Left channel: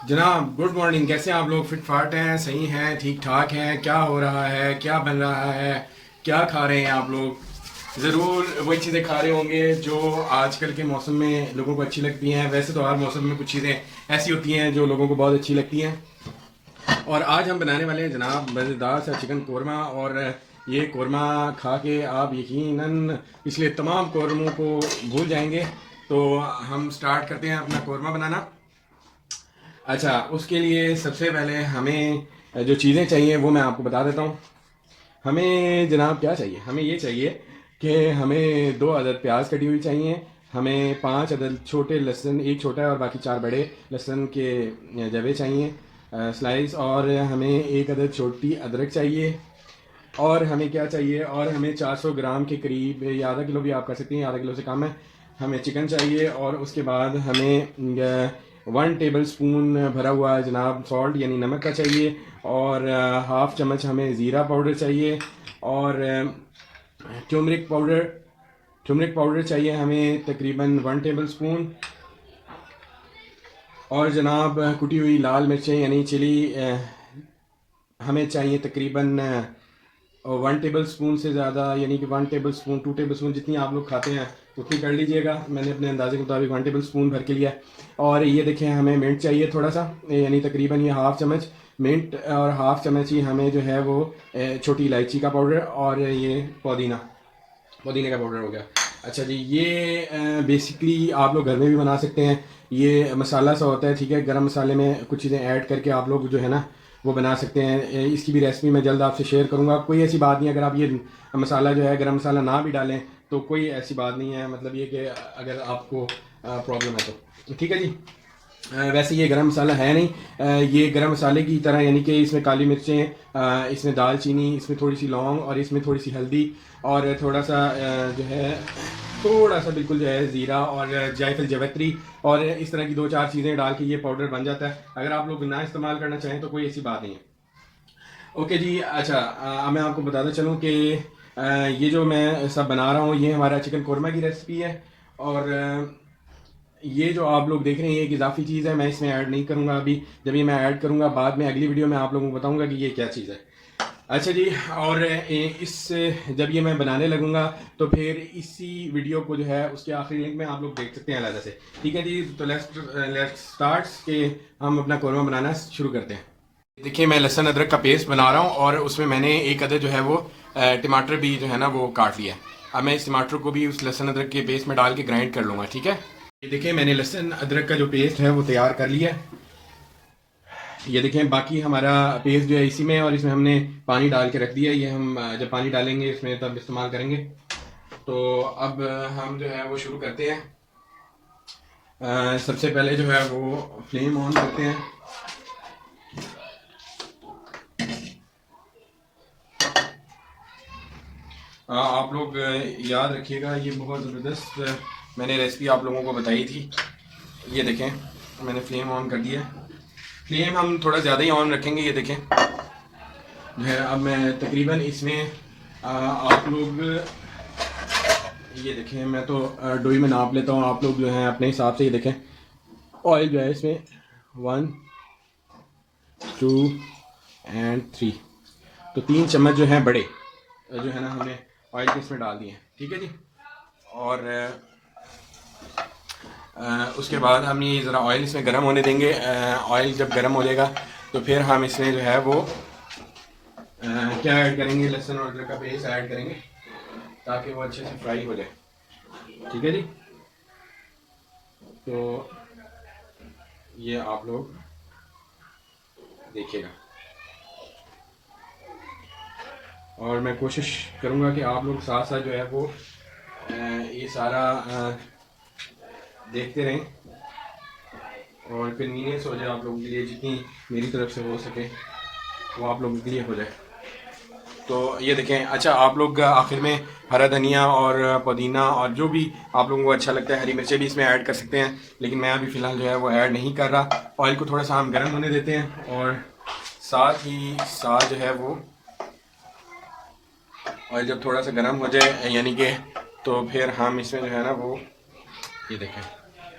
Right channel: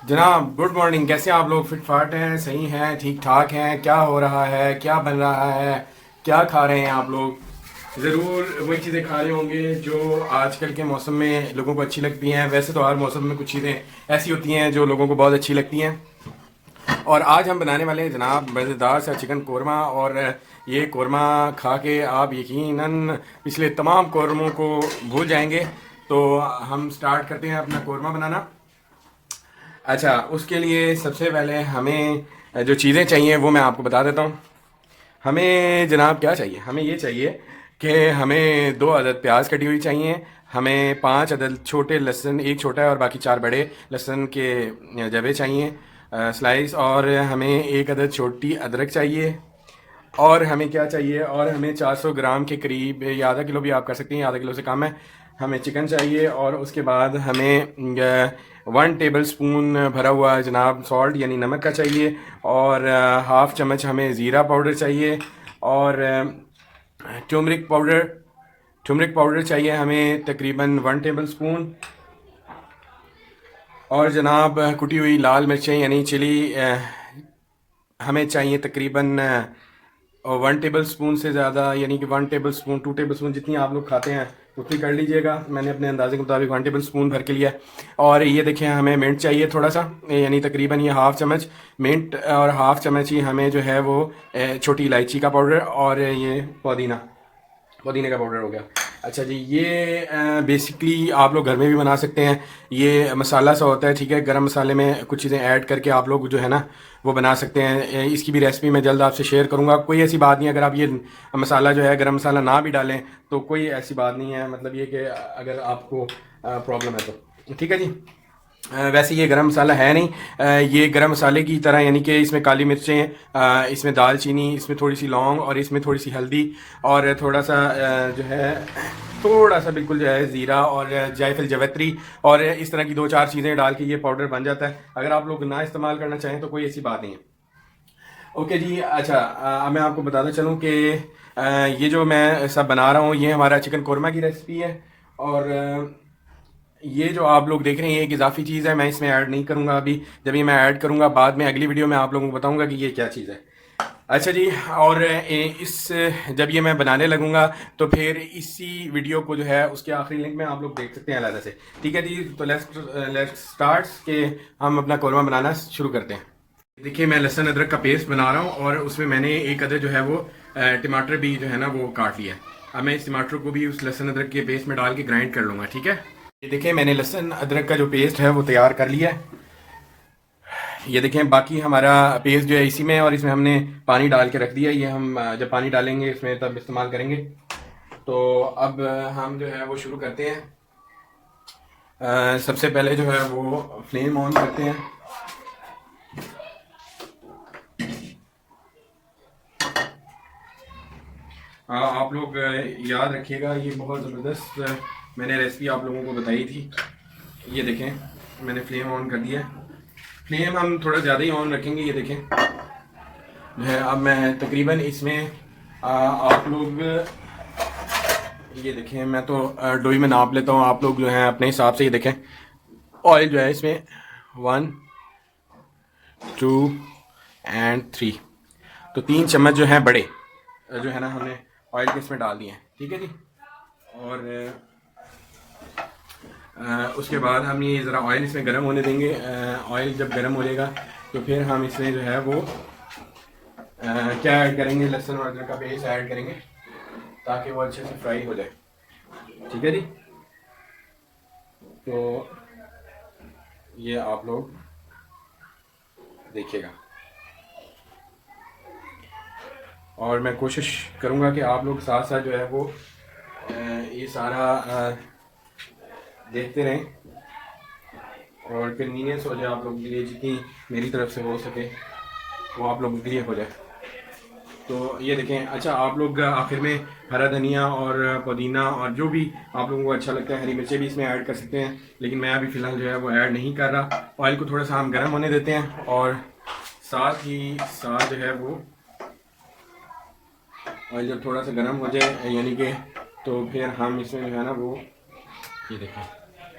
जनाब good morning. कैसे हैं आप लोग? फिट फाट हैं, सही हैं, ठीक ठाक हैं? क्या हो रहा है, क्या बन रहा है, क्या खा रहे हैं आप लोग? ज़रूर वही चीज़ें खा रहे होंगे जो आजकल के मौसम में लोगों को अच्छी लगती हैं। वैसे तो हर मौसम में कुछ चीज़ें ऐसी होती हैं जो लोगों को बहुत अच्छी लगती हैं। और आज हम बनाने वाले हैं जनाब मज़ेदार सा चिकन कोरमा। और ये कोरमा खा के आप यकीनन पिछले तमाम कोरमों को भूल जाएंगे। तो हम स्टार्ट करते हैं अपना कोरमा बनाना। अच्छा, उसके लिए सबसे पहले हमें जो चीज़ें चाहिए वो मैं आपको बता देता हूँ। हमें जनाब क्या चाहिए? हमें ये चाहिए कि हमें 2 अदद प्याज कटी हुई चाहिए। हमें 5 अदद छोटे लहसुन, एक छोटा है और बाकी 4 बड़े लहसुन के जवे चाहिए, स्लाइस। और हमें 1 अदद छोटी अदरक चाहिए। और हमें क्या चाहिए? और हमें 400 ग्राम के करीब, या आधा किलो भी आप कर सकते हैं, आधा किलो से कम है, हमें चिकन चाहिए। और उसके बाद हमें 1 टेबल स्पून भरा हुआ जनाब सॉल्ट यानी नमक का चाहिए। और हाफ़ चम्मच हमें ज़ीरा पाउडर चाहिए। और टर्मरिक पाउडर चाहिए हमें तकरीबन 1 टेबल स्पून। और जनाब कुटी हुई लाल मिर्चें यानी चिली हमें चाहिए तकरीबन 1 टेबल स्पून से ज़्यादा, यानी कि 1 टेबल स्पून, 2 टेबल स्पून, जितनी आप लोग खाते हैं उतनी कर लीजिएगा। मैंने अपने अंदाजे के मुताबिक 1 टेबल स्पून भर के लिया है। और ये देखें, हमें मिंट चाहिए थोड़ा सा, यानी तकरीबन ये हाफ़ चम्मच मिंट। और हाफ़ चम्मच ही हमें जो है वो छोटी इलायची का पाउडर। और ये पुदीने का पाउडर हो गया। अच्छा जी, ये बेसिकली आप लोग घर में भी बना सकते हैं। ये मसाला सा होता है, ठीक है। गरम मसाले में कुछ चीज़ें ऐड करके आप लोग जो है ना वो बना सकते हैं। इसकी भी रेसिपी मैं जल्द आपसे शेयर करूंगा। कोई ऐसी बात नहीं, अगर आप ये मसाला जो है गरम मसाला ना भी डालें तो कोई ऐसी बात नहीं है। मतलब ये कि अगर आपको प्रॉब्लम है तो ठीक है जी। वैसे ये गरम मसाला है नहीं, ये गरम मसाले की तरह, यानी कि इसमें काली मिर्चें, इसमें दालचीनी, इसमें थोड़ी सी लौंग और इसमें थोड़ी सी हल्दी और थोड़ा सा जो है थोड़ा सा बिल्कुल जो है ज़ीरा और जायफल जवैत्री और इस तरह की 2-4 चीज़ें डाल के ये पाउडर बन जाता है। अगर आप लोग ना इस्तेमाल करना चाहें तो कोई ऐसी बात नहीं है। ओके जी। अच्छा, अब मैं आपको बताना चलूँ कि ये जो मैं सब बना रहा हूँ ये हमारा चिकन कोरमा की रेसिपी है। और ये जो आप लोग देख रहे हैं एक इजाफी चीज़ है, मैं इसमें ऐड नहीं करूँगा अभी। जब ये मैं ऐड करूँगा बाद में अगली वीडियो में आप लोगों को बताऊँगा कि ये क्या चीज़ है। अच्छा जी। और इस जब ये मैं बनाने लगूंगा तो फिर इसी वीडियो को जो है उसके आखिरी लिंक में आप लोग देख सकते हैं अलग से। ठीक है जी। तो लेट्स स्टार्ट के हम अपना कौरमा बनाना शुरू करते हैं। देखिए, मैं लहसुन अदरक का पेस्ट बना रहा हूँ और उसमें मैंने 1 अदद जो है वो टमाटर भी जो है ना वो काट लिया है। अब मैं इस टमाटर को भी उस लहसुन अदरक के पेस्ट में डाल के ग्राइंड कर लूँगा। ठीक है। ये देखिए, मैंने लहसुन अदरक का जो पेस्ट है वो तैयार कर लिया है। ये देखें, बाकी हमारा पेस्ट जो है इसी में है और इसमें हमने पानी डाल के रख दिया। ये हम जब पानी डालेंगे इसमें तब इस्तेमाल करेंगे। तो अब हम जो है वो शुरू करते हैं। सबसे पहले जो है वो फ्लेम ऑन करते हैं। आप लोग याद रखिएगा, ये बहुत ज़बरदस्त मैंने रेसिपी आप लोगों को बताई थी। ये देखें, मैंने फ्लेम ऑन कर दिया। फ्लेम हम थोड़ा ज़्यादा ही ऑन रखेंगे। ये देखें जो है, अब मैं तकरीबन इसमें आप लोग ये देखें, मैं तो डोई में नाप लेता हूँ, आप लोग जो है अपने हिसाब से। ये देखें, ऑयल जो है इसमें 1, 2 एंड 3, तो 3 चम्मच जो है बड़े जो है ना हमने ऑयल के इसमें डाल दिए हैं। ठीक है जी। और उसके बाद हम ये ज़रा ऑयल इसमें गर्म होने देंगे। ऑयल जब गर्म हो जाएगा तो फिर हम इसमें जो है वो क्या ऐड करेंगे, लहसुन और अदरक का पेस्ट ऐड करेंगे ताकि वो अच्छे से फ्राई हो जाए। ठीक है जी। तो ये आप लोग देखिएगा और मैं कोशिश करूँगा कि आप लोग साथ साथ जो है वो ये सारा देखते रहें और कन्वीनियंस हो जाए आप लोगों के लिए, जितनी मेरी तरफ से हो सके वो आप लोगों के लिए हो जाए। तो ये देखें। अच्छा, आप लोग आखिर में हरा धनिया और पुदीना और जो भी आप लोगों को अच्छा लगता है, हरी मिर्चें भी इसमें ऐड कर सकते हैं, लेकिन मैं अभी फ़िलहाल जो है वो ऐड नहीं कर रहा। ऑयल को थोड़ा सा हम गर्म होने देते हैं और साथ ही साथ जो है वो ऑयल जब थोड़ा सा गर्म हो जाए यानी कि, तो फिर हम इसमें जो है ना वो ये देखें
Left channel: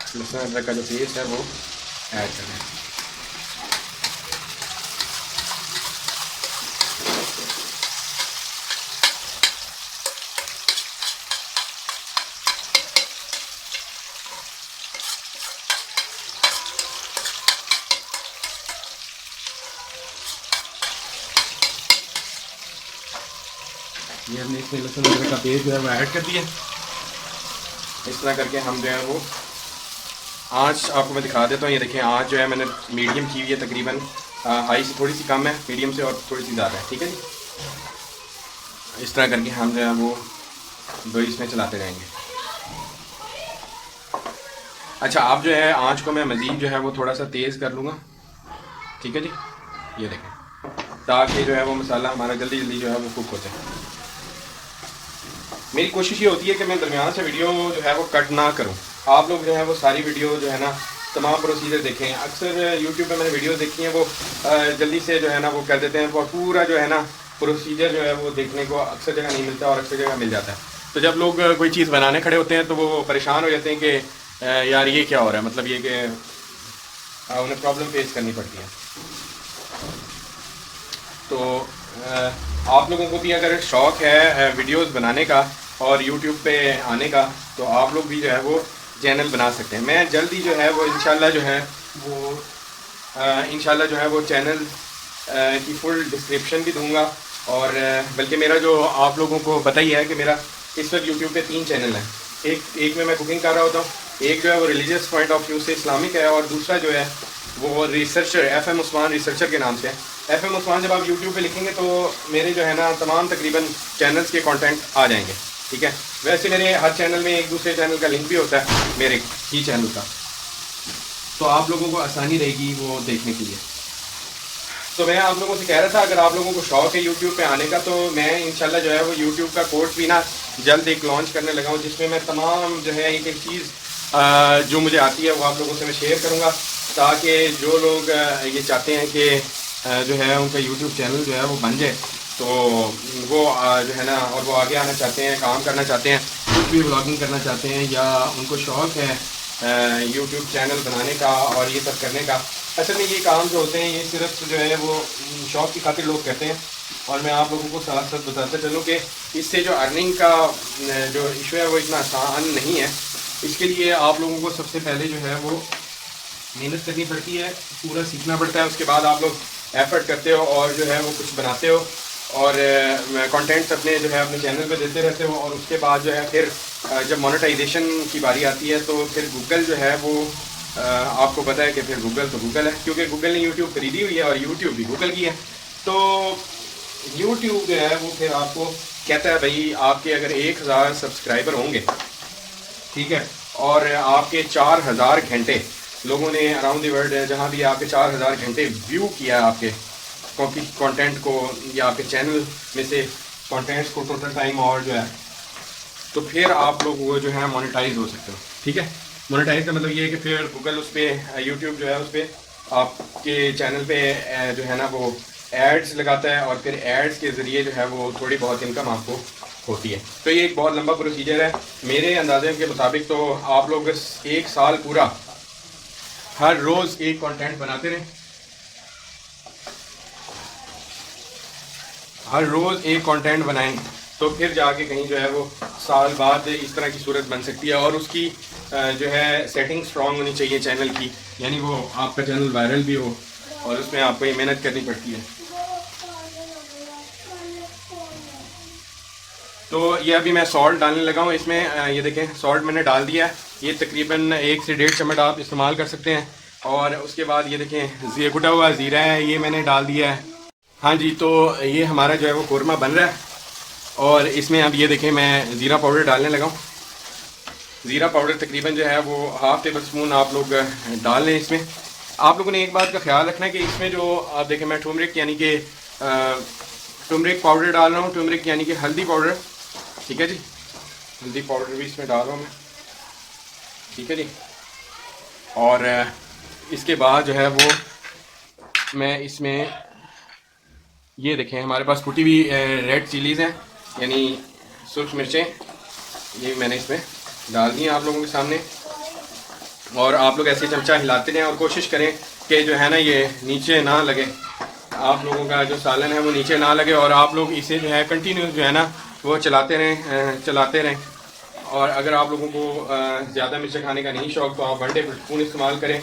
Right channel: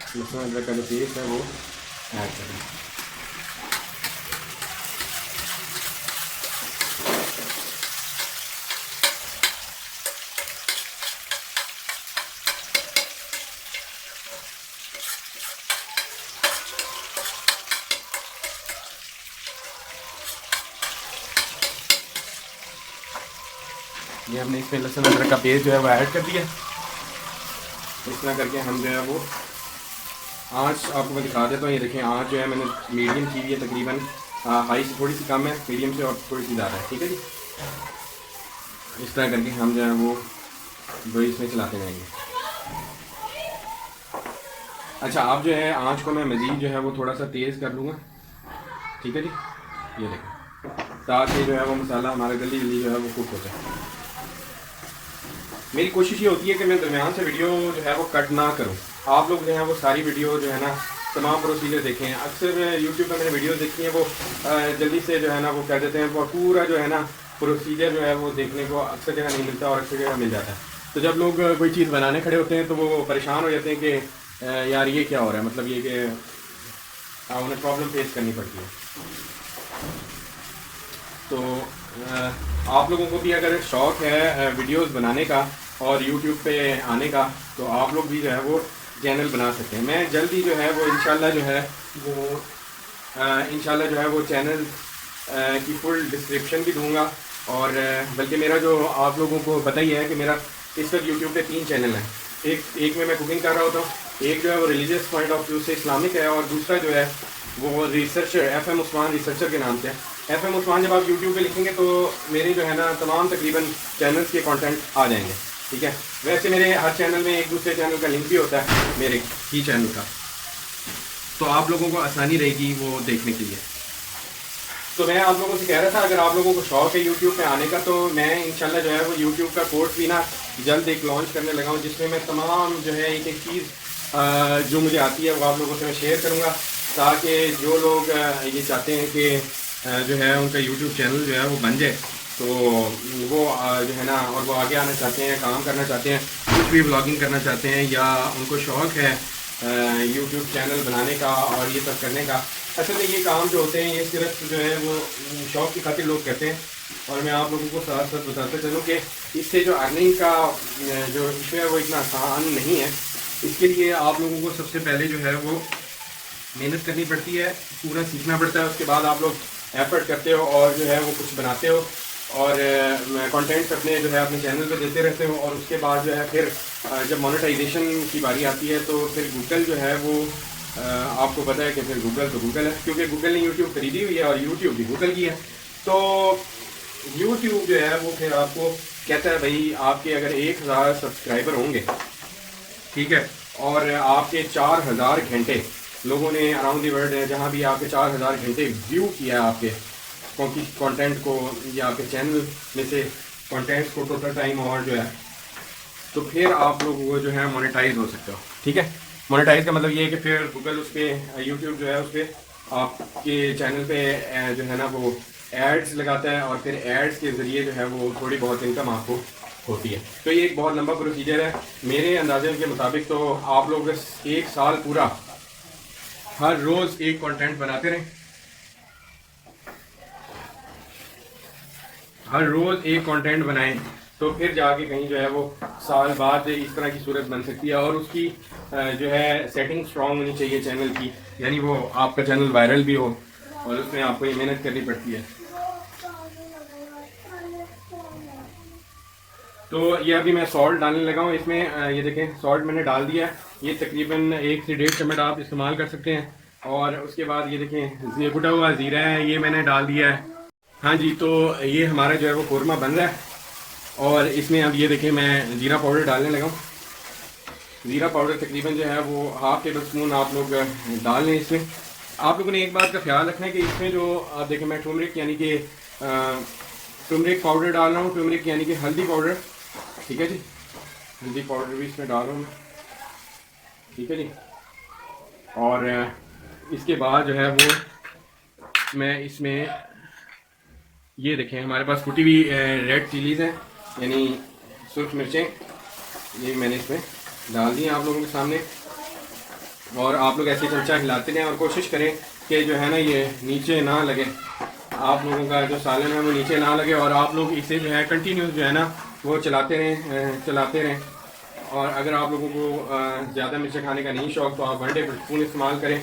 लहसुन अदरक का जो पेस्ट है वो ऐड करें। ये हमने इसमें लहसुन अदरक का पेस्ट जो है वो ऐड कर दिया। इस तरह करके हम जो है वो आँच आपको मैं दिखा देता हूँ। ये देखें आँच जो है मैंने मीडियम की हुई है, तकरीबन हाई से थोड़ी सी कम है, मीडियम से और थोड़ी सी ज़्यादा है। ठीक है जी, इस तरह करके हम जो है वो इसमें चलाते रहेंगे। अच्छा, आप जो है आँच को मैं मज़ीद जो है वो थोड़ा सा तेज़ कर लूँगा। ठीक है जी, ये देखें, ताकि जो है वो मसाला हमारा जल्दी जल्दी जो है वो कुक हो जाए। मेरी कोशिश ये होती है कि मैं दरमियान से वीडियो जो है वो कट ना करूं। आप लोग जो है वो सारी वीडियो जो है ना तमाम प्रोसीजर देखें। अक्सर यूट्यूब पे मैंने वीडियो देखी हैं, वो जल्दी से जो है ना वो कर देते हैं, वो पूरा जो है ना प्रोसीजर जो है वो देखने को अक्सर जगह नहीं मिलता और अक्सर जगह मिल जाता है। तो जब लोग कोई चीज़ बनाने खड़े होते हैं तो वो परेशान हो जाते हैं कि यार ये क्या हो रहा है, मतलब ये कि उन्हें प्रॉब्लम फेस करनी पड़ती है। तो आप लोगों को भी अगर शौक़ है वीडियोस बनाने का और यूट्यूब पे आने का, तो आप लोग भी जो है वो चैनल बना सकते हैं। मैं जल्दी जो है वो इंशाल्लाह जो है वो चैनल की फुल डिस्क्रिप्शन भी दूंगा। और बल्कि मेरा जो आप लोगों को पता ही है कि मेरा इस वक्त यूट्यूब पे 3 चैनल हैं। एक में मैं कुकिंग कर रहा होता हूँ, एक जो है वो रिलीजियस पॉइंट ऑफ व्यू से इस्लामिक है, और दूसरा जो है वो रिसर्चर FM उस्मान रिसर्चर के नाम से है। FM उस्मान जब आप यूट्यूब पे लिखेंगे तो मेरे जो है ना तमाम तकरीबन चैनल्स के कंटेंट आ जाएंगे। ठीक है, वैसे मेरे हर चैनल में एक दूसरे चैनल का लिंक भी होता है मेरे ही चैनल का, तो आप लोगों को आसानी रहेगी वो देखने के लिए। तो मैं आप लोगों से कह रहा था, अगर आप लोगों को शौक़ है यूट्यूब पे आने का, तो मैं इंशाल्लाह जो है वो यूट्यूब का कोर्स भी ना जल्द एक लॉन्च करने लगा हूँ, जिसमें मैं तमाम जो है एक एक चीज़ जो मुझे आती है वो आप लोगों से मैं शेयर करूँगा, ताकि जो लोग ये चाहते हैं कि जो है उनका यूट्यूब चैनल जो है वो बन जाए, तो वो जो है ना, और वो आगे आना चाहते हैं, काम करना चाहते हैं, कुछ भी व्लॉगिंग करना चाहते हैं, या उनको शौक़ है यूट्यूब चैनल बनाने का और ये सब करने का। असल में ये काम जो होते हैं ये सिर्फ जो है वो शौक़ की खातिर लोग करते हैं, और मैं आप लोगों को साथ साथ बताते चलूँ कि इससे जो अर्निंग का जो इशू है वो इतना आसान नहीं है। इसके लिए आप लोगों को सबसे पहले जो है वो मेहनत करनी पड़ती है, पूरा सीखना पड़ता है। उसके बाद आप लोग एफर्ट करते हो और जो है वो कुछ बनाते हो और कंटेंट्स अपने जो है अपने चैनल में देते रहते हो, और उसके बाद जो है फिर जब मोनेटाइजेशन की बारी आती है तो फिर गूगल जो है वो आपको पता है कि फिर गूगल तो गूगल है, क्योंकि गूगल ने यूट्यूब खरीदी हुई है और यूट्यूब भी गूगल की है। तो यूट्यूब जो है वो फिर आपको कहता है भाई आपके अगर 1000 सब्सक्राइबर होंगे, ठीक है, और आपके 4000 घंटे लोगों ने अराउंड दी वर्ल्ड जहाँ भी आपके 4000 घंटे व्यू किया आपके कंटेंट को या आपके चैनल में से कंटेंट्स को टोटल टाइम, और जो है तो फिर आप लोग वो जो है मोनेटाइज हो सकते हो। ठीक है, मोनेटाइज का मतलब ये है कि फिर गूगल उस पर यूट्यूब जो है उस पर आपके चैनल पे जो है ना वो एड्स लगाता है, और फिर एड्स के ज़रिए जो है वो थोड़ी बहुत इनकम आपको होती है। तो ये एक बहुत लंबा प्रोसीजर है। मेरे अंदाजे के मुताबिक तो आप लोग 1 साल पूरा हर रोज़ एक कंटेंट बनाते रहें, हर रोज़ एक कंटेंट बनाएं, तो फिर जाके कहीं जो है वो साल बाद इस तरह की सूरत बन सकती है। और उसकी जो है सेटिंग स्ट्रॉन्ग होनी चाहिए चैनल की, यानी वो आपका चैनल वायरल भी हो, और उसमें आपको ये मेहनत करनी पड़ती है। तो ये अभी मैं सॉल्ट डालने लगा हूँ इसमें, ये देखें सॉल्ट मैंने डाल दिया है, ये तकरीबन 1 से 1.5 चम्मच आप इस्तेमाल कर सकते हैं। और उसके बाद ये देखें ये कुटा हुआ ज़ीरा है, ये मैंने डाल दिया है। हाँ जी, तो ये हमारा जो है वो कोरमा बन रहा है, और इसमें अब ये देखें मैं ज़ीरा पाउडर डालने लगा हूँ। ज़ीरा पाउडर तकरीबन जो है वो 1/2 टेबल स्पून आप लोग डाल लें। इसमें आप लोगों ने एक बात का ख्याल रखना है कि इसमें जो आप देखें मैं टर्मरिक यानी कि टर्मरिक पाउडर डाल रहा हूँ, टर्मरिक यानी कि हल्दी पाउडर, ठीक है जी, हल्दी पाउडर भी इसमें डाल रहा हूँ मैं, ठीक है जी। और इसके बाद जो है वो मैं इसमें ये देखें हमारे पास कुटी हुई रेड चिलीज़ हैं, यानी सुर्ख मिर्चें, ये मैंने इसमें डाल दी हैं आप लोगों के सामने। और आप लोग ऐसे चमचा हिलाते रहें और कोशिश करें कि जो है ना ये नीचे ना लगे, आप लोगों का जो सालन है वो नीचे ना लगे, और आप लोग इसे जो है कंटिन्यूस जो है ना वो चलाते रहें। और अगर आप लोगों को ज़्यादा मिर्चें खाने का नहीं शौक़ तो आप 1 टेबल स्पून इस्तेमाल करें,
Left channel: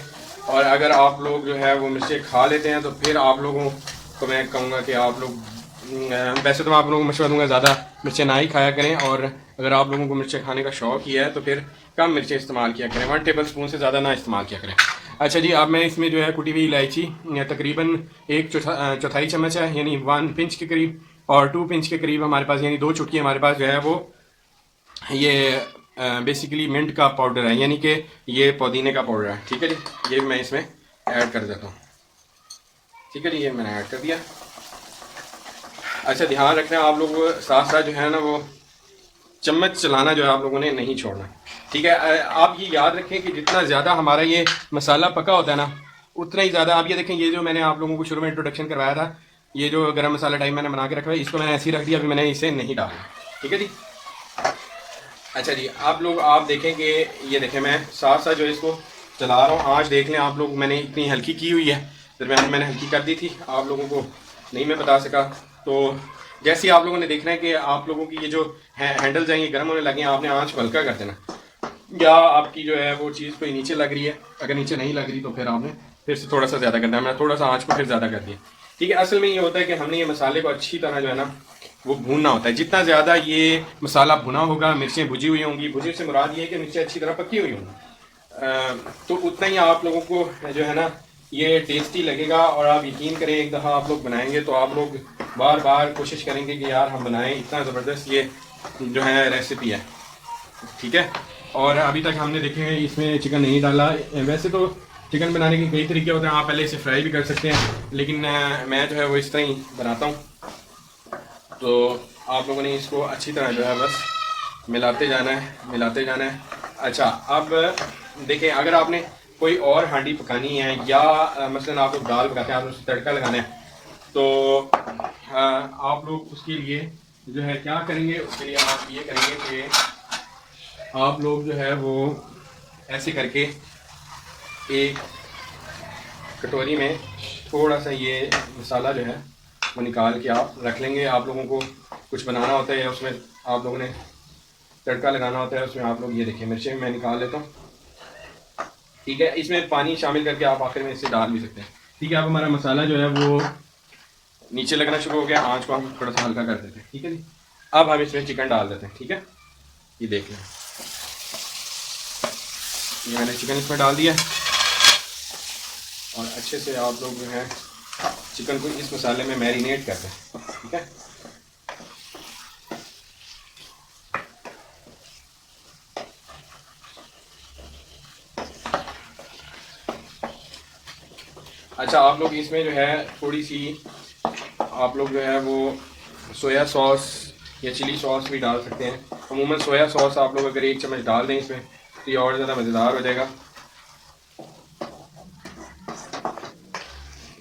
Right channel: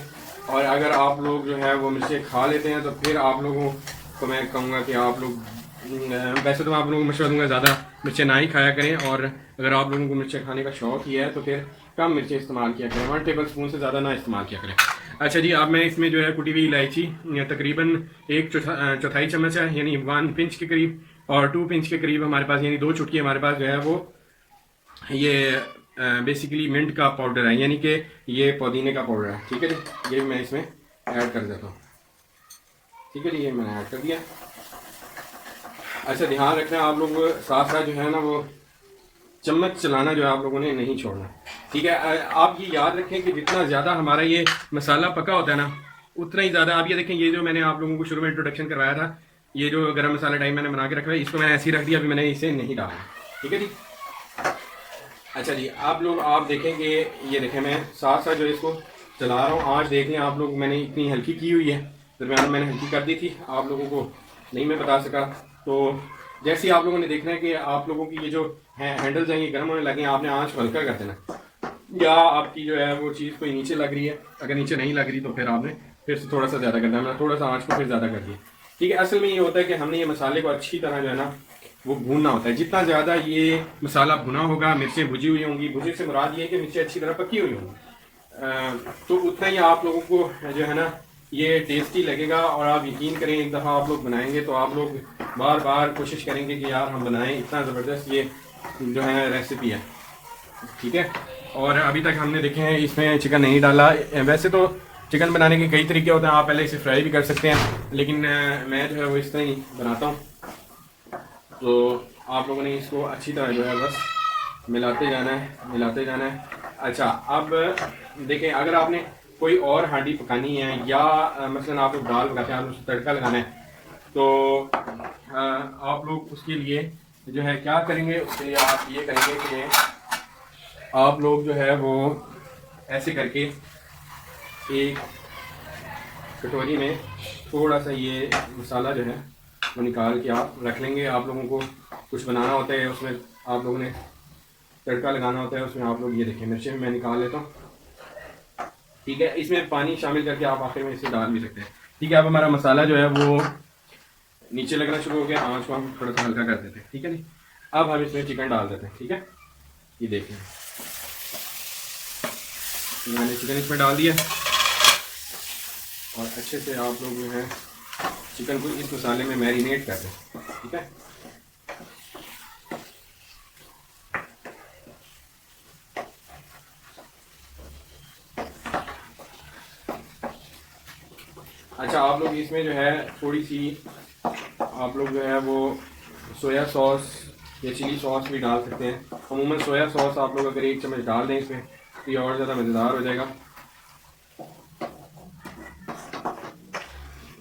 और अगर आप लोग जो है वो मिर्चें खा लेते हैं तो फिर आप लोगों को मैं कहूँगा कि आप लोग वैसे तो मैं आप लोगों को मशवरा दूंगा ज़्यादा मिर्चें ना ही खाया करें, और अगर आप लोगों को मिर्चें खाने का शौक़ ही है तो फिर कम मिर्चें इस्तेमाल किया करें, 1 टेबल स्पून से ज़्यादा ना इस्तेमाल किया करें। अच्छा जी, अब मैं इसमें जो है कुटी हुई इलायची तकरीबन 1/4 चम्मच है, यानी 1 पिंच के करीब, और 2 पिंच के करीब हमारे पास, यानी 2 चुटकी हमारे पास जो है वो ये बेसिकली मिंट का पाउडर है, यानी कि ये पुदीने का पाउडर है। ठीक है जी, ये मैं इसमें ऐड कर देता हूँ। ठीक है जी, ये मैंने ऐड कर दिया। अच्छा, ध्यान रखना आप लोग साथ साथ जो है ना वो चम्मच चलाना जो है आप लोगों ने नहीं छोड़ना। ठीक है, आप ये याद रखें कि जितना ज़्यादा हमारा ये मसाला पका होता है ना, उतना ही ज़्यादा आप ये देखें, ये जो मैंने आप लोगों को शुरू में इंट्रोडक्शन करवाया था, ये जो गरम मसाला टाइप मैंने बना के रखा है, इसको मैंने ऐसे ही रख दिया, अभी मैंने इसे नहीं डाला। ठीक है जी। अच्छा जी, आप लोग आप देखें कि ये देखें, मैं साथ साथ जो है इसको चला रहा हूँ। आँच देख लें आप लोग, मैंने इतनी हल्की की हुई है, दरम्यान मैंने हल्की कर दी थी, आप लोगों को नहीं मैं बता सका। तो जैसे ही आप लोगों ने देखना है कि आप लोगों की ये जो हैंडल्स हैं ये गर्म होने लगे हैं, आपने आँच को हल्का कर देना, या आपकी जो है वो चीज़ कोई नीचे लग रही है, अगर नीचे नहीं लग रही तो फिर आपने फिर से थोड़ा सा ज़्यादा करना है। मैं थोड़ा सा आँच को फिर ज़्यादा कर दिया। ठीक है, असल में ये होता है कि हमने ये मसाले को अच्छी तरह जो है ना वो भूनना होता है। जितना ज़्यादा ये मसाला भुना होगा, मिर्चें भुजी हुई होंगी, भुजी से मुराद ये है कि मिर्चें अच्छी तरह पकी हुई होंगी, तो उतना ही आप लोगों को जो है ना ये टेस्टी लगेगा। और आप यकीन करें, एक दफ़ा आप लोग बनाएंगे तो आप लोग बार बार कोशिश करेंगे कि यार हम बनाएं, इतना ज़बरदस्त ये जो है रेसिपी है। ठीक है, और अभी तक हमने देखे हैं इसमें चिकन नहीं डाला। वैसे तो चिकन बनाने के कई तरीके होते हैं, आप पहले इसे फ्राई भी कर सकते हैं, लेकिन मैं जो है वो इस तरह ही बनाता हूँ। तो आप लोगों ने इसको अच्छी तरह जो है बस मिलाते जाना है, मिलाते जाना है। अच्छा, अब देखें, अगर आपने कोई और हांडी पकानी है, या मसलन आप लोग दाल पकाते हैं, आप उसको तड़का लगाना है, तो आप लोग उसके लिए जो है क्या करेंगे, उसके लिए आप ये करेंगे कि आप लोग जो है वो ऐसे करके एक कटोरी में थोड़ा सा ये मसाला जो है वो निकाल के आप रख लेंगे। आप लोगों को कुछ बनाना होता है, उसमें आप लोगों ने तड़का लगाना होता है, उसमें आप लोग ये देखिए मिर्चें मैं निकाल लेता हूँ। ठीक है, इसमें पानी शामिल करके आप आखिर में इसे डाल भी सकते हैं। ठीक है, अब हमारा मसाला जो है वो नीचे लगना शुरू हो गया, आँच को हम थोड़ा सा हल्का कर देते हैं। ठीक है जी, अब हम इसमें चिकन डाल देते हैं। ठीक है, ये देख लें, ये मैंने चिकन इसमें डाल दिया, और अच्छे से आप लोग जो है चिकन को इस मसाले में मैरिनेट कर दें। ठीक है, अच्छा, आप लोग इसमें जो है थोड़ी सी आप लोग जो है वो सोया सॉस या चिली सॉस भी डाल सकते हैं। अमूमन सोया सॉस आप लोग अगर 1 चम्मच डाल दें इसमें तो ये और ज़्यादा मज़ेदार हो जाएगा।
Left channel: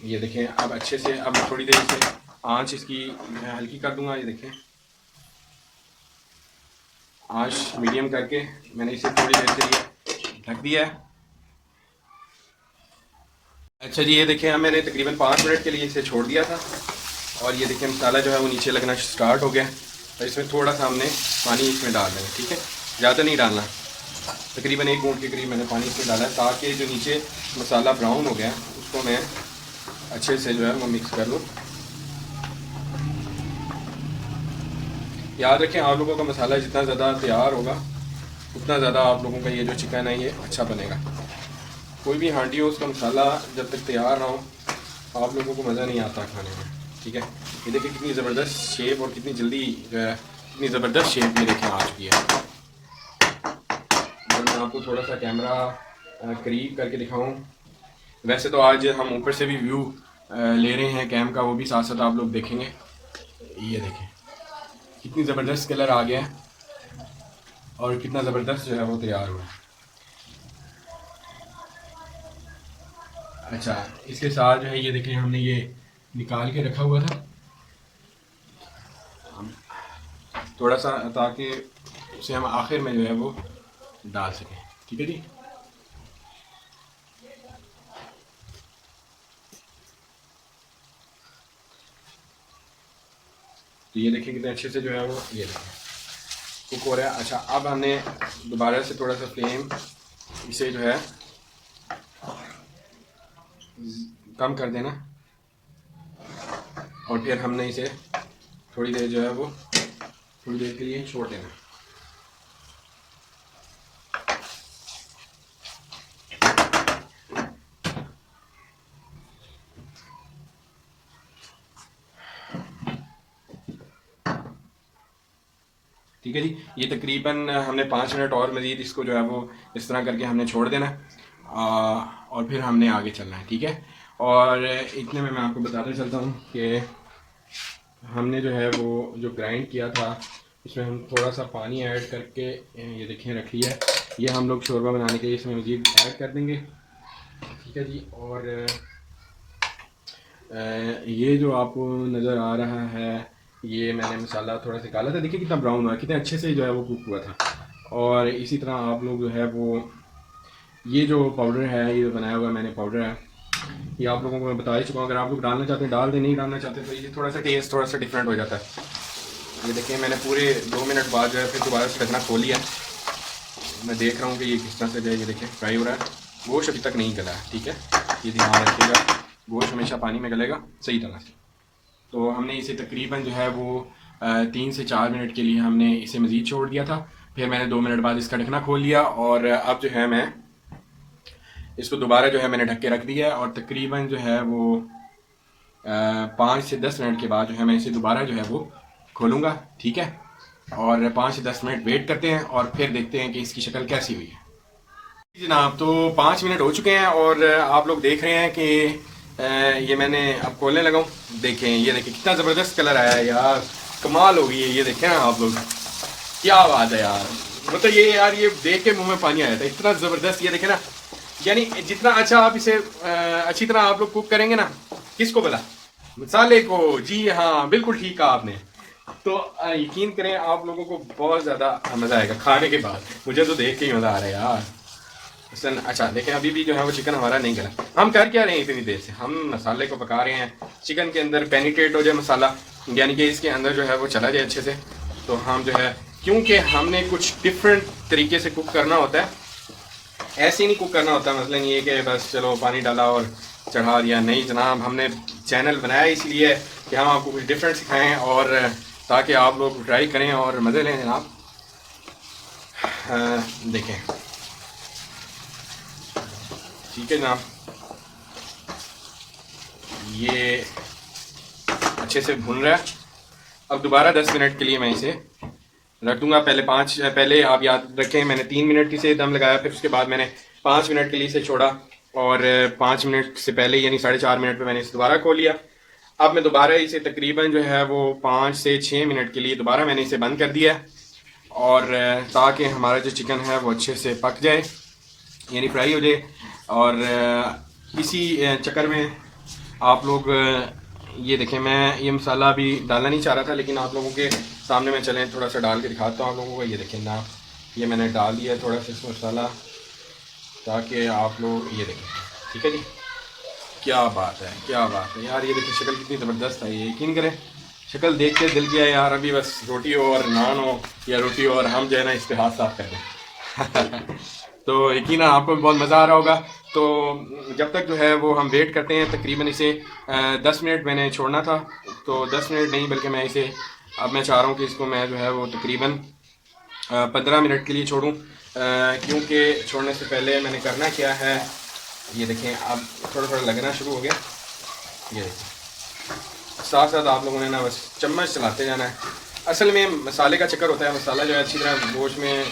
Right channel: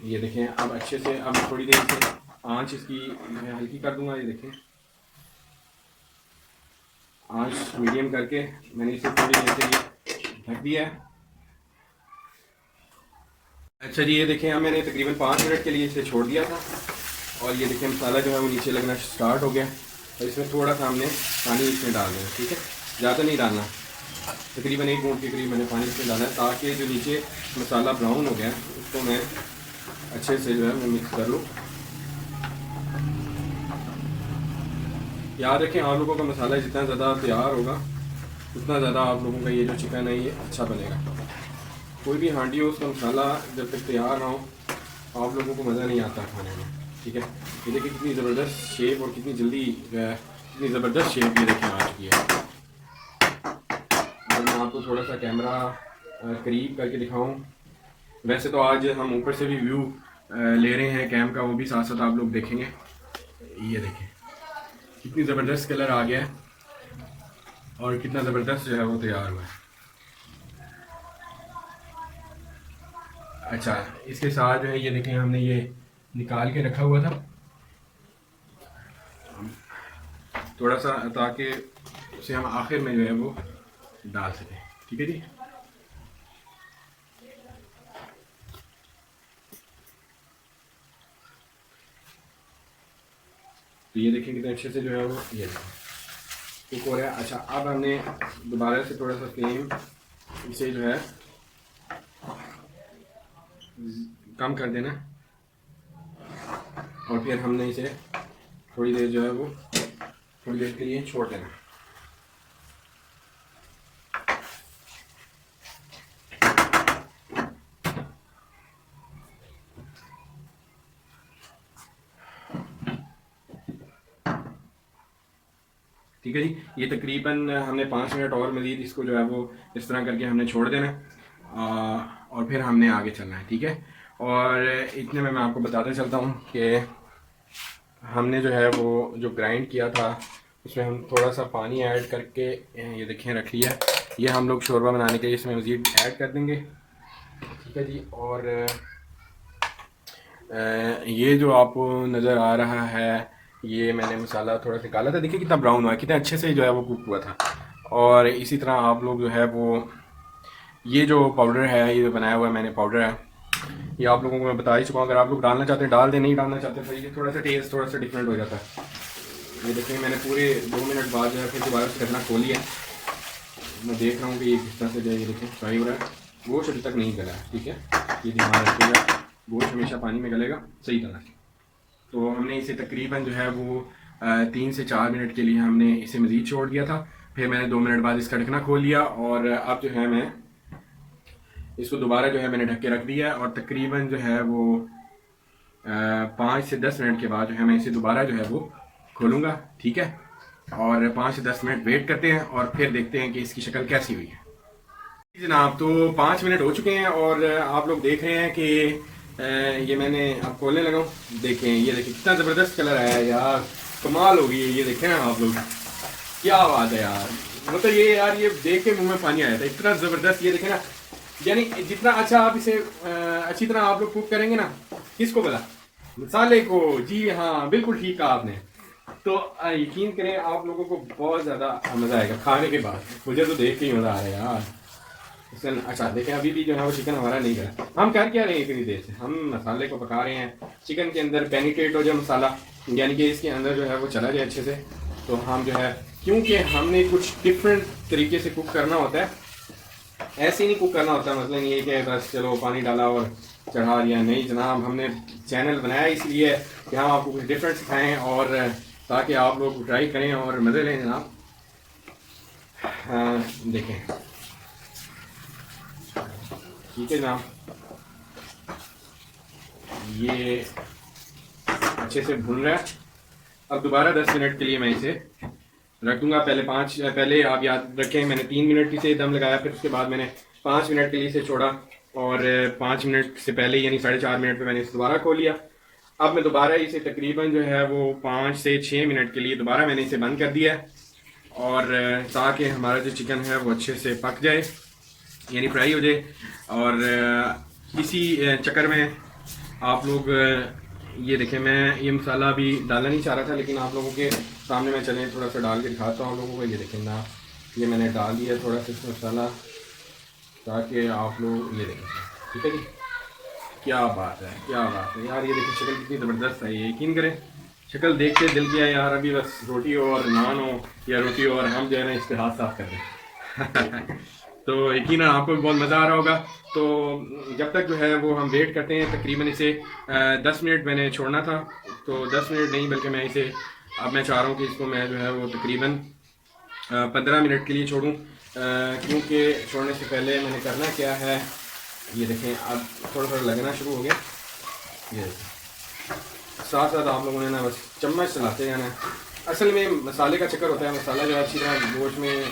ये देखें, अब अच्छे से, अब थोड़ी देर से आंच इसकी मैं हल्की कर दूंगा। ये देखें, आंच मीडियम करके मैंने इसे थोड़ी देर के लिए ढक दिया है। अच्छा जी, ये देखें, मैंने तकरीबन 5 मिनट के लिए इसे छोड़ दिया था, और ये देखें मसाला जो है वो नीचे लगना स्टार्ट हो गया। और इसमें थोड़ा सा हमने पानी इसमें डाल देना। ठीक है, ज़्यादा नहीं डालना, तकरीबन 1 घूंट के करीब मैंने पानी इसमें डाला है, ताकि जो नीचे मसाला ब्राउन हो गया उसको मैं अच्छे से जो है वो मिक्स कर लूँ। याद रखें, आप लोगों का मसाला जितना ज़्यादा तैयार होगा उतना ज़्यादा आप लोगों का ये जो चिकन है ये अच्छा बनेगा। कोई भी हांडी हो, उसका मसाला जब तक तैयार ना हो आप लोगों को मज़ा नहीं आता खाने में। ठीक है, ये देखिए कितनी ज़बरदस्त शेप, और कितनी जल्दी जो है कितनी ज़बरदस्त शेप ये देखें आ चुकी है। मैं आपको थोड़ा सा कैमरा करीब करके दिखाऊँ। वैसे तो आज हम ऊपर से भी व्यू ले रहे हैं कैम का, वो भी साथ साथ आप लोग देखेंगे। ये देखें कितनी ज़बरदस्त कलर आ गया है, और कितना ज़बरदस्त जो है वो तैयार हुआ है। अच्छा, इसके साथ जो है ये देखें हमने ये निकाल के रखा हुआ था थोड़ा सा, ताकि उसे हम आखिर में जो है वो डाल सकें। ठीक है जी, तो ये देखिए कितने अच्छे से जो है वो ये देखें कुक हो रहा है। अच्छा, अब हमने दोबारा से थोड़ा सा फ्लेम इसे जो है कम कर देना, और फिर हमने इसे थोड़ी देर जो है वो थोड़ी देर के लिए छोड़ देना। ठीक है जी, ये तकरीबन हमने 5 मिनट और मज़ीद इसको जो है वो इस तरह करके हमने छोड़ देना है और फिर हमने आगे चलना है। ठीक है, और इतने में मैं आपको बताते चलता हूँ कि हमने जो है वो जो ग्राइंड किया था इसमें हम थोड़ा सा पानी ऐड करके ये देखें रख लिया है। ये हम लोग शोरबा बनाने के लिए इसमें मज़ीद ऐड कर देंगे। ठीक है जी, और ये जो आपको नज़र आ रहा है ये मैंने मसाला थोड़ा सा काला था, देखिए कितना ब्राउन हुआ है, कितना अच्छे से जो है वो कुक हुआ था। और इसी तरह आप लोग जो है वो ये जो पाउडर है, ये जो बनाया हुआ है मैंने पाउडर है, ये आप लोगों को मैं बता ही चुका हूँ। अगर आप लोग डालना चाहते हैं डाल दें, नहीं डालना चाहते तो ये थोड़ा सा टेस्ट थोड़ा सा डिफरेंट हो जाता है। ये देखिए मैंने पूरे 2 मिनट बाद जो है फिर दोबारा से ढकना खोल लिया। मैं देख रहा हूँ कि ये किस तरह से जो है ये देखिए फ्राई हो रहा है। गोश्त अभी तक नहीं गला है। ठीक है, ये ध्यान रखिएगा, गोश्त हमेशा पानी में गलेगा सही तरह से। तो हमने इसे तकरीबन जो है वो 3 से 4 मिनट के लिए हमने इसे मज़ीद छोड़ दिया था। फिर मैंने 2 मिनट बाद इसका ढकना खोल लिया और अब जो है मैं इसको दोबारा जो है मैंने ढक के रख दिया और तकरीबन जो है वो 5 से 10 मिनट के बाद जो है मैं इसे दोबारा जो है वो खोलूँगा। ठीक है, और 5 से 10 मिनट वेट करते हैं और फिर देखते हैं कि इसकी शक्ल कैसी हुई है। जनाब, तो 5 मिनट हो चुके हैं और आप लोग देख रहे हैं कि ये मैंने अब खोलने लगा हूँ। देखें, ये देखें कितना ज़बरदस्त कलर आया है यार, कमाल हो गई है। ये देखें ना आप लोग, क्या बात है यार, मतलब ये यार ये देख के मुंह में पानी आया था, इतना ज़बरदस्त। ये देखें ना, यानी जितना अच्छा आप इसे अच्छी तरह आप लोग कुक करेंगे ना, किसको बोला, मसाले को, जी हाँ बिल्कुल ठीक कहा आपने। तो यकीन करें आप लोगों को बहुत ज़्यादा मज़ा आएगा खाने के बाद। मुझे तो देख के ही मज़ा आ रहा है यार। अच्छा देखें, अभी भी जो है वो चिकन हमारा नहीं गला। हम कर क्या रहे हैं इतनी देर से, हम मसाले को पका रहे हैं, चिकन के अंदर पेनिट्रेट हो जाए मसाला, यानी कि इसके अंदर जो है वो चला जाए अच्छे से। तो हम जो है, क्योंकि हमने कुछ डिफरेंट तरीके से कुक करना होता है, ऐसे ही नहीं कुक करना होता। मतलब ये कि बस चलो पानी डाला और चढ़ा दिया, नहीं जनाब। हमने चैनल बनाया इसलिए कि हम आपको कुछ डिफरेंट सिखाएं और ताकि आप लोग ट्राई करें और मज़े लें जनाब। देखें, ठीक है जनाब, ये अच्छे से भून रहा है। अब दोबारा 10 मिनट के लिए मैं इसे रख दूंगा। पहले आप याद रखें मैंने 3 मिनट की से दम लगाया, फिर उसके बाद मैंने 5 मिनट के लिए इसे छोड़ा और 5 मिनट से पहले यानी 4.5 मिनट पे मैंने इसे दोबारा खोल लिया। अब मैं दोबारा इसे तकरीबन जो है वो 5 से 6 मिनट के लिए दोबारा मैंने इसे बंद कर दिया है और ताकि हमारा जो चिकन है वो अच्छे से पक जाए, यानी फ्राई हो जाए। और इसी चक्कर में आप लोग ये देखें, मैं ये मसाला अभी डालना नहीं चाह रहा था, लेकिन आप लोगों के सामने मैं चलें थोड़ा सा डाल के दिखाता हूँ आप लोगों को। ये देखें ना, ये मैंने डाल दिया थोड़ा सा इसमें मसाला, ताकि आप लोग ये देखें। ठीक है जी, क्या बात है, क्या बात है यार। ये देखिए शक्ल कितनी ज़बरदस्त है, ये यकीन करें शक्ल देख के दिल किया यार अभी बस रोटी हो और नान हो या रोटी हो और हम जो है ना इस पर हाथ साफ कर दें। तो यकीन आपको भी बहुत मज़ा आ रहा होगा। तो जब तक जो है वो हम वेट करते हैं, तकरीबन इसे 10 मिनट मैंने छोड़ना था, तो 10 मिनट नहीं बल्कि मैं इसे अब मैं चाह रहा हूँ कि इसको मैं जो है वो तकरीबन 15 मिनट के लिए छोड़ूं, क्योंकि छोड़ने से पहले मैंने करना क्या है, ये देखें अब थोड़ा थोड़ा लगना शुरू हो गया। ये देखें, साथ साथ आप लोगों ने ना बस चम्मच चलाते जाना है। असल में मसाले का चक्कर होता है, मसाला जो है अच्छी तरह गोश्त में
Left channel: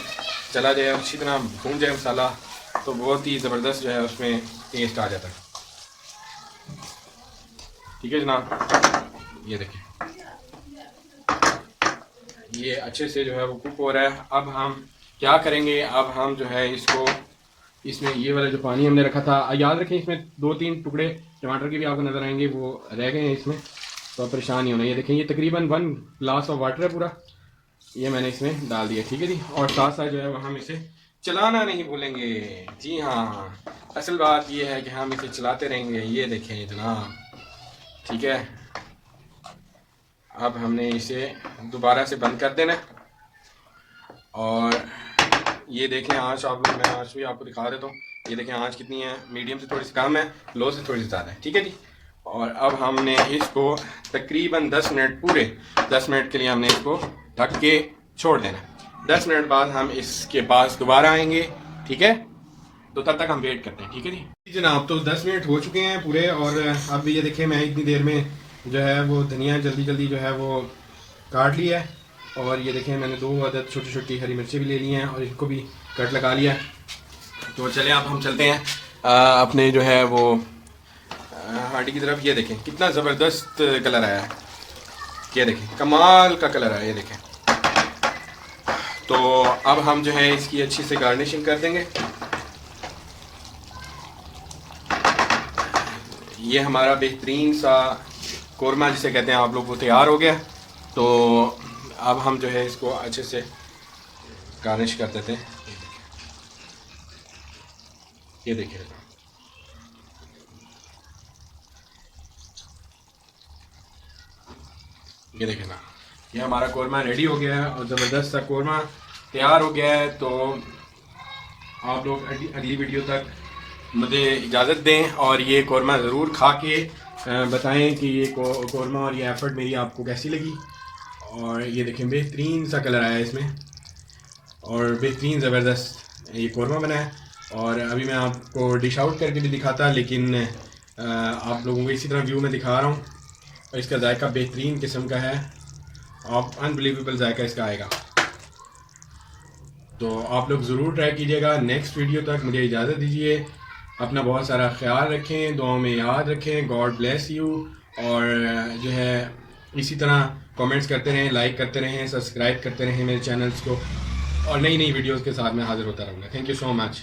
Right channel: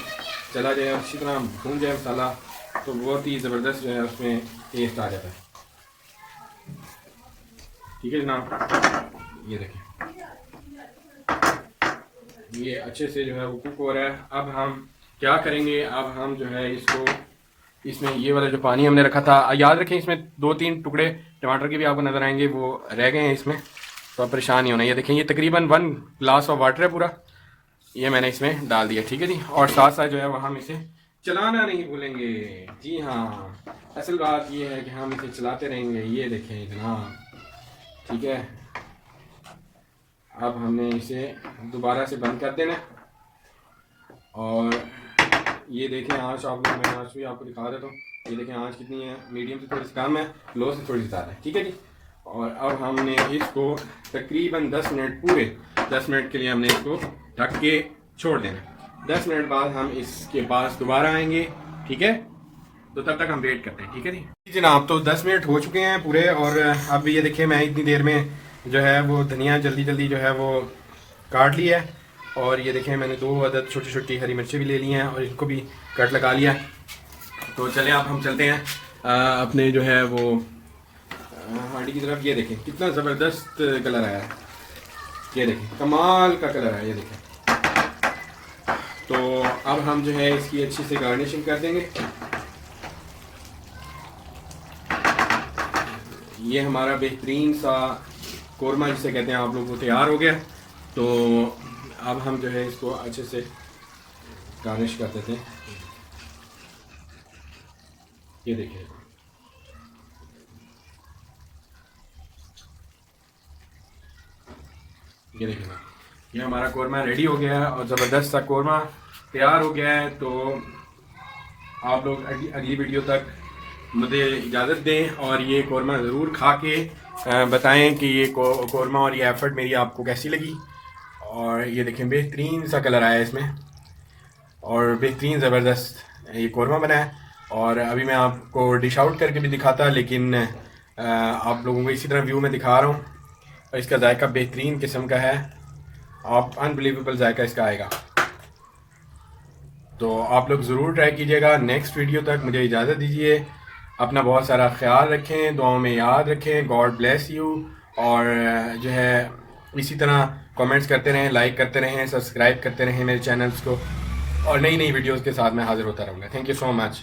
चला जाए, अच्छी तरह भून जाए मसाला, तो बहुत ही ज़बरदस्त जो है उसमें टेस्ट आ जाता है। ठीक है जनाब, ये देखें ये अच्छे से जो है वो कुक हो रहा है। अब हम क्या करेंगे, अब हम जो है इसको, इसमें ये वाला जो पानी हमने रखा था, याद रखें इसमें 2-3 टुकड़े टमाटर के भी आपको नज़र आएंगे, वो रह गए हैं इसमें, तो आप परेशान नहीं होना। ये देखें ये तकरीबन 1 ग्लास ऑफ वाटर है पूरा, ये मैंने इसमें डाल दिया। ठीक है जी, और साथ साथ जो है वो हम इसे चलाना नहीं भूलेंगे। जी हाँ, असल बात ये है कि हम इसे चलाते रहेंगे। ये देखें जनाब, ठीक है, अब हमने इसे दोबारा से बंद कर देना और ये देखें आँच, आप मैं आँच भी आपको दिखा देता हूँ। ये देखें आँच कितनी है, मीडियम से थोड़ी सी कम है, लो से थोड़ी सी ज़्यादा है। ठीक है जी, और अब हमने इसको तकरीबन 10 मिनट, पूरे 10 मिनट के लिए हमने इसको ढक के छोड़ देना। 10 मिनट बाद हम इसके पास दोबारा आएंगे, ठीक है? तो तब तक हम वेट करते हैं, ठीक है जी जनाब। तो 10 मिनट हो चुके हैं पूरे, और अब ये देखिए मैं इतनी देर में जो है वो धनिया जल्दी जल्दी जो है वो काट लिया है, और ये देखिए मैंने 2 अदद छोटी छोटी हरी मिर्चें भी ले ली हैं और इनको भी कट लगा लिया है। तो चले अब हम चलते हैं अपने जो है वो हांडी की तरफ। ये देखें कितना ज़बरदस्त कलर आया है, ये देखें कमाल का कलर आया, ये देखें। तो अब हम जो है इसकी अच्छी से गार्निशिंग कर देंगे। ये हमारा बेहतरीन सा कोरमा जिसे कहते हैं आप लोग, वो तैयार हो गया। तो अब हम जो है इसको अच्छे से गार्निश कर देते हैं। ये देखिए ये देखिए ना, ये हमारा कोरमा रेडी हो गया है और ज़बरदस्त सा कोरमा तैयार हो गया है। तो आप लोग अगली वीडियो तक मुझे इजाज़त दें और ये कोरमा ज़रूर खा के बताएं कि ये कोरमा और ये एफ़र्ट मेरी आपको कैसी लगी। और ये देखें बेहतरीन सा कलर आया है इसमें, और बेहतरीन ज़बरदस्त ये कोरमा बना है। और अभी मैं आपको डिश आउट करके भी दिखाता, लेकिन आप लोगों को इसी तरह व्यू में दिखा रहा हूँ। और इसका जायका बेहतरीन किस्म का है, आप अनबिलीवेबल जायका इसका आएगा। तो आप लोग ज़रूर ट्राई कीजिएगा। नेक्स्ट वीडियो तक मुझे इजाज़त दीजिए। अपना बहुत सारा ख्याल रखें, दुआओं में याद रखें। God bless you. और जो है इसी तरह कमेंट्स करते रहें, लाइक करते रहें, सब्सक्राइब करते रहें मेरे चैनल्स को, और नई नई वीडियोज़ के साथ मैं हाज़िर होता रहूँगा। Thank you so much.